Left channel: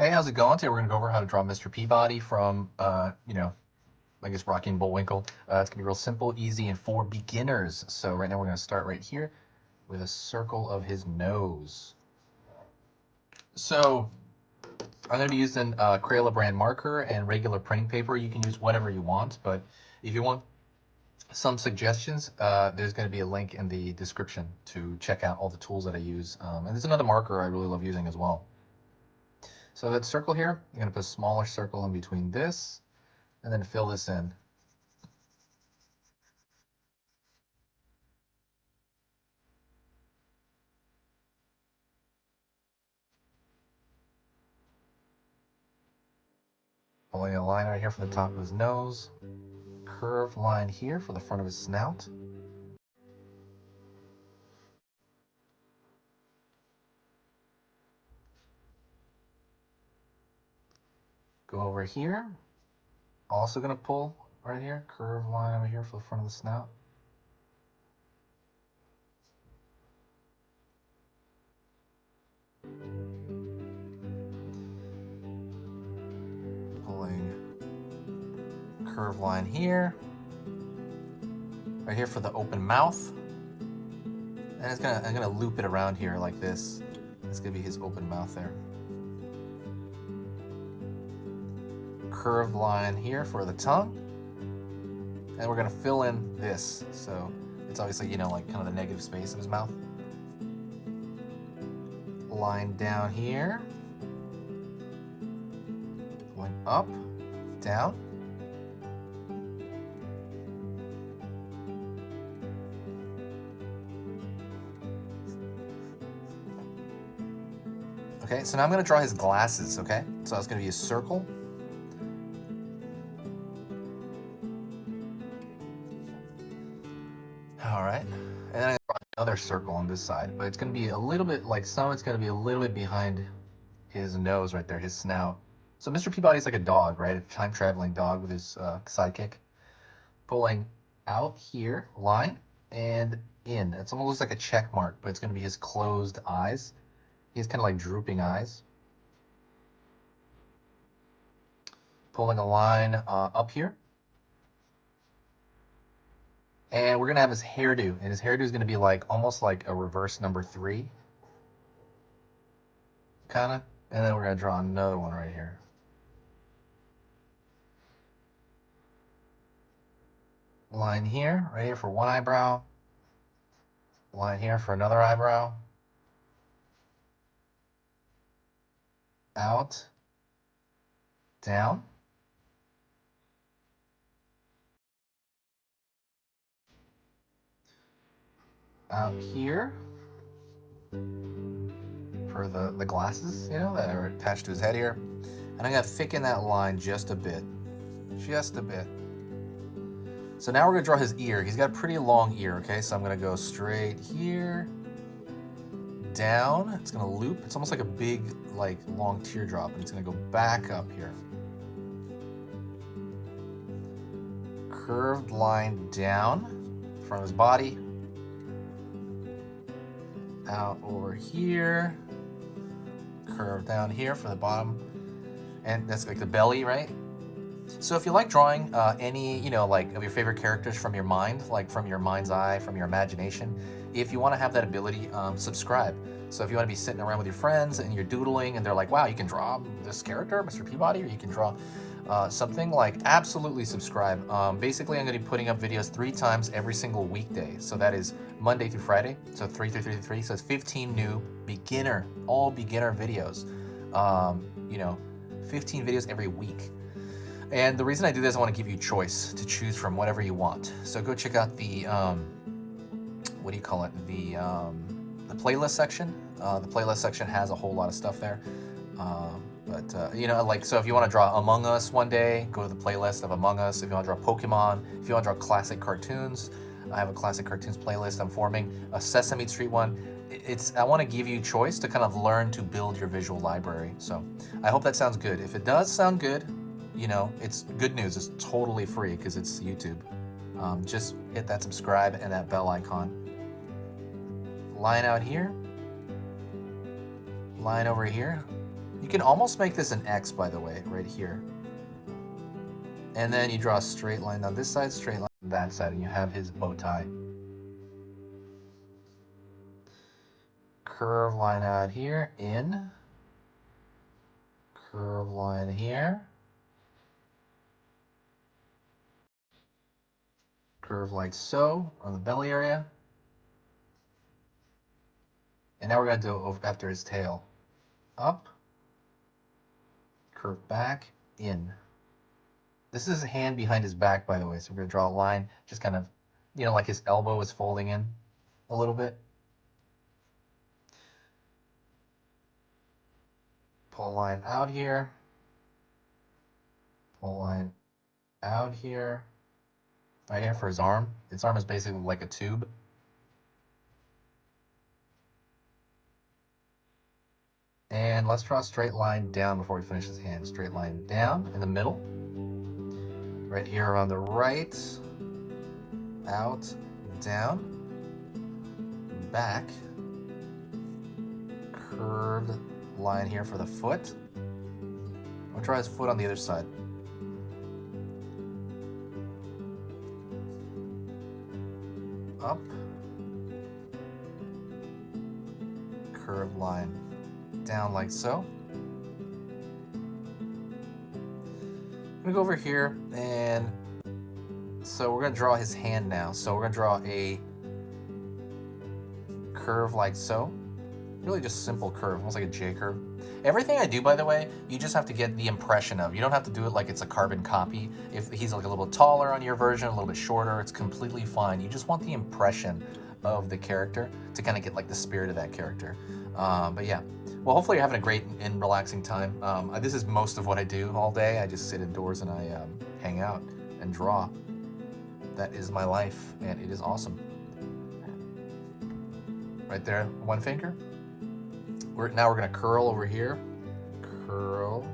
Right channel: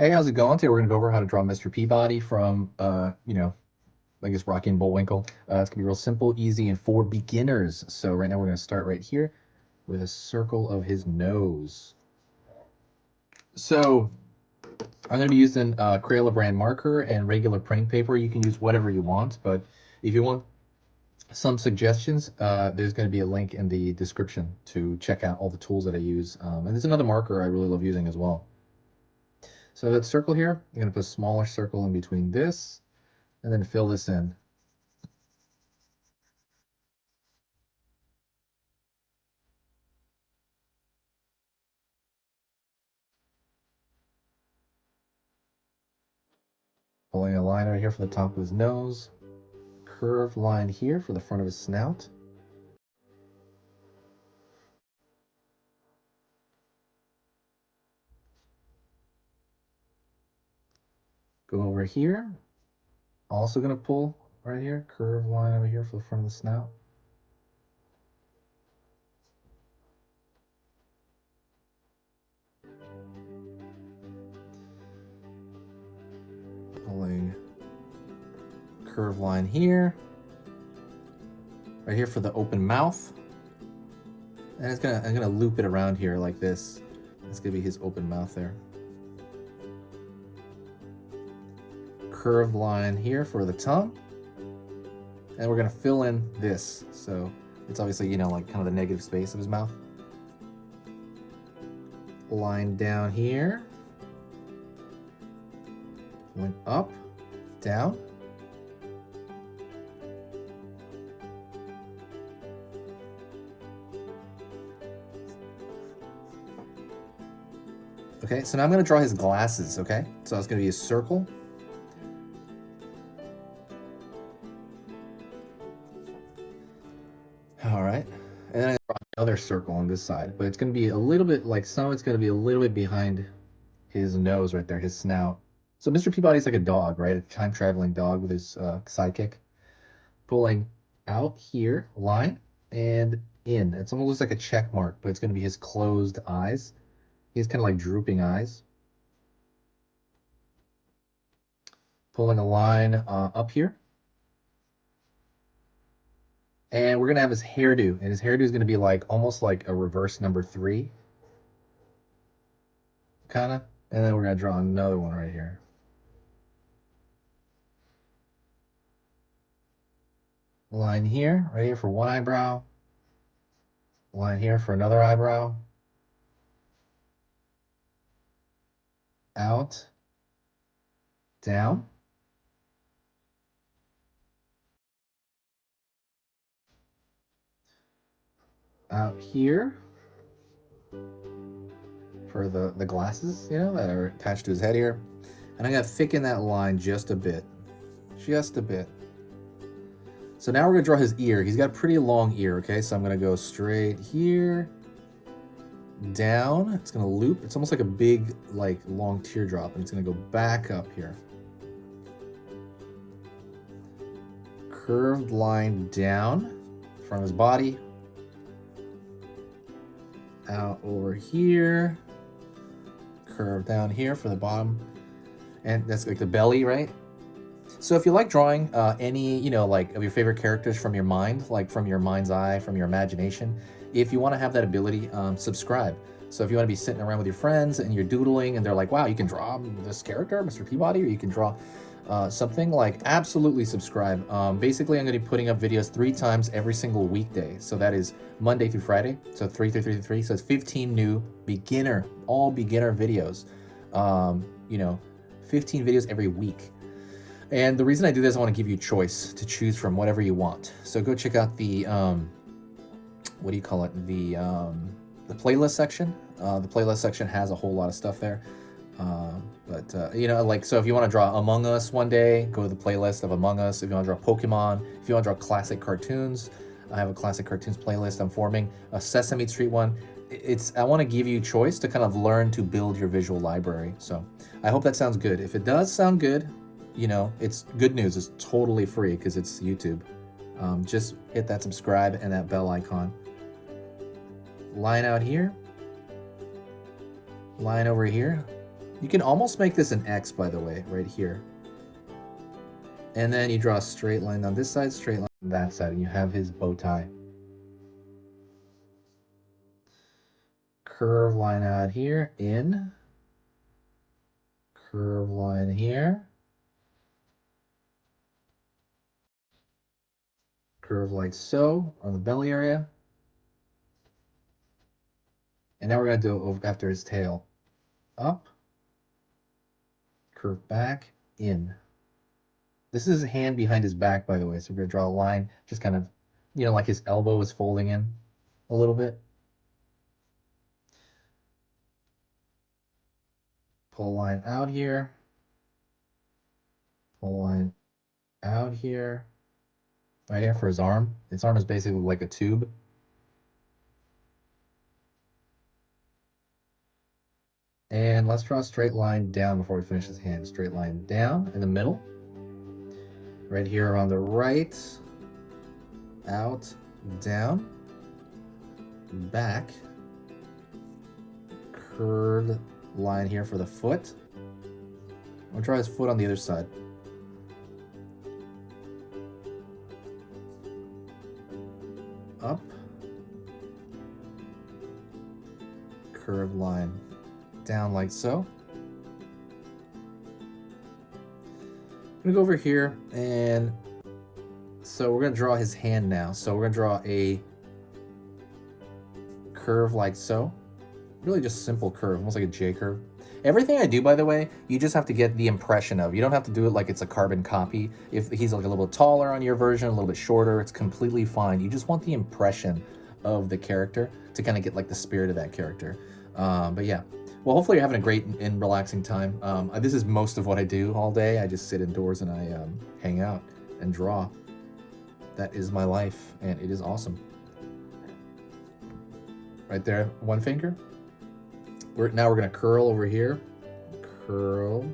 Hey, how's it going? Today we're gonna go over how to draw Mr. Peabody from, I guess Rocky and Bullwinkle. It's gonna be real simple, easy, and for beginners. So right now we're gonna start right here with a circle of his nose. So I'm gonna be using Crayola brand marker and regular printing paper. You can use whatever you want, but if you want some suggestions, there's gonna be a link in the description to check out all the tools that I use. And there's another marker I really love using as well. So that circle here, I'm gonna put a smaller circle in between this and then fill this in. Pulling a line right here for the top of his nose, curved line here for the front of his snout. Go over here, also gonna pull right here, curved line over here for the front of the snout. Pulling curved line here, right here for the open mouth. And I'm gonna loop it around here like this. It's gonna be his open mouth there. Curved line here for the tongue. And we're gonna fill in this. So it's obviously, like kind of the negative space of his mouth. Line down here. Went up, down. Okay, so now I'm gonna draw his glasses, okay? So it's gonna be a circle. All right, and then I'm gonna draw another circle on this side, but it's gonna be a little bit like it's gonna be a little bit behind his nose right there, his snout. So Mr. Peabody's like a dog, right? A time-traveling dog with his sidekick. Pulling out here, line, and in. It's almost like a check mark, but it's gonna be his closed eyes. He has kind of like drooping eyes. Pulling a line up here. And we're gonna have his hairdo, and his hairdo is gonna be like almost like a reverse number 3, kind of. And then we're gonna draw another one right here. Line here, right here for one eyebrow. Line here for another eyebrow. Out, down. Out here for the glasses, that are attached to his head here. And I'm gonna thicken that line just a bit. Just a bit. So now we're gonna draw his ear. He's got a pretty long ear, okay? So I'm gonna go straight here, down. It's gonna loop. It's almost like a big, like long teardrop, and it's gonna go back up here. Curved line down, front of his body. Out over here. Curve down here for the bottom. And that's like the belly, right? So if you like drawing any, like of your favorite characters from your mind, like from your mind's eye, from your imagination, if you want to have that ability, subscribe. So if you want to be sitting around with your friends and you're doodling and they're like, wow, you can draw this character, Mr. Peabody, or you can draw something, like absolutely subscribe. Basically, I'm going to be putting up videos 3 times every single weekday. So that is Monday through Friday. So 3, 3, 3, 3. So it's 15 new all beginner videos. 15 videos every week. And the reason I do this, I want to give you a choice to choose from whatever you want. So go check out the, what do you call it? The playlist section. The playlist section has a whole lot of stuff there. So if you want to draw Among Us one day, go to the playlist of Among Us. If you want to draw Pokemon, if you want to draw classic cartoons, I have a classic cartoons playlist I'm forming. A Sesame Street one. I want to give you choice to kind of learn to build your visual library. So I hope that sounds good. If it does sound good, it's good news. It's totally free because it's YouTube. Just hit that subscribe and that bell icon. Line out here. Line over here. You can almost make this an X, by the way, right here. And then you draw a straight line on this side, straight line on that side, and you have his bow tie. Curve line out here, in. Curve line here. Curve like so on the belly area. And now we're going to do it after his tail. Up. Curve back, in. This is his hand behind his back, by the way, so we're going to draw a line, just kind of, you know, like his elbow is folding in a little bit. Pull a line out here. Pull a line out here. Right here for his arm. His arm is basically like a tube. And let's draw a straight line down before we finish his hand. Straight line down in the middle. Right here on the right. Out, down, back. Curved line here for the foot. I'm gonna try his foot on the other side. Up. Curved line down like so. I'm gonna go over here, and so we're gonna draw his hand now. So we're gonna draw a curve like so. Really just simple curve, almost like a J curve. Everything I do, by the way, you just have to get the impression of. You don't have to do it like it's a carbon copy. If he's like a little bit taller on your version, a little bit shorter, it's completely fine. You just want the impression of the character to kind of get like the spirit of that character. But yeah, well, hopefully you're having a great and relaxing time. This is most of what I do all day. I just sit indoors and I hang out and draw. That is my life, and it is awesome. Right there, one finger. Now we're gonna curl over here. Curl,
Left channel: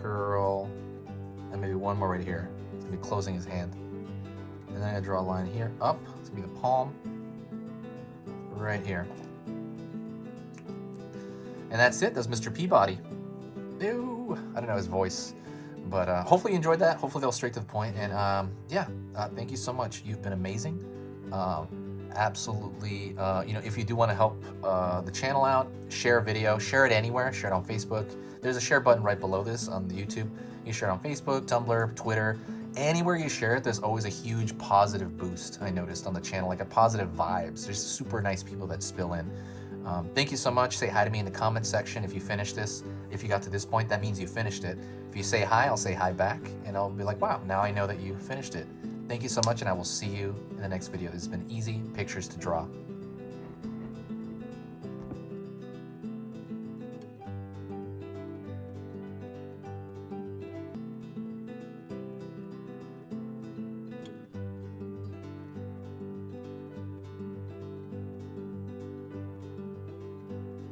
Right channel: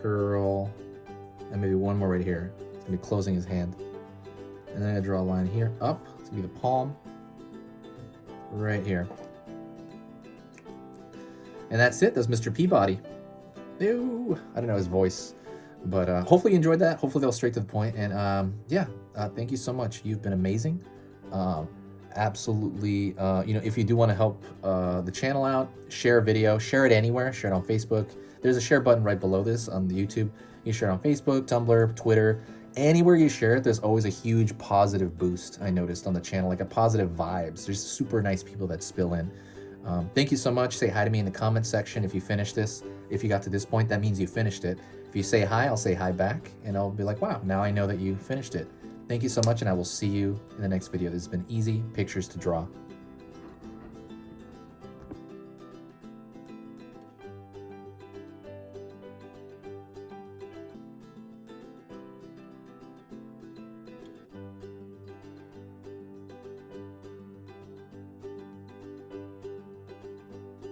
curl, and maybe one more right here. It's gonna be closing his hand. And then I'm gonna draw a line here, up. It's gonna be the palm, right here. And that's it. That's Mr. Peabody. Ew, I don't know his voice, but hopefully you enjoyed that. Hopefully they'll straight to the point. And yeah, thank you so much. You've been amazing. Absolutely. You know, if you do want to help the channel out, share a video, share it anywhere, share it on Facebook. There's a share button right below this on the YouTube. You share it on Facebook, Tumblr, Twitter, anywhere you share it, there's always a huge positive boost. I noticed on the channel, like a positive vibes. There's super nice people that spill in. Thank you so much. Say hi to me in the comment section if you finished this. If you got to this point, that means you finished it. If you say hi, I'll say hi back, and I'll be like, wow, now I know that you finished it. Thank you so much, and I will see you in the next video. This has been Easy Pictures to Draw.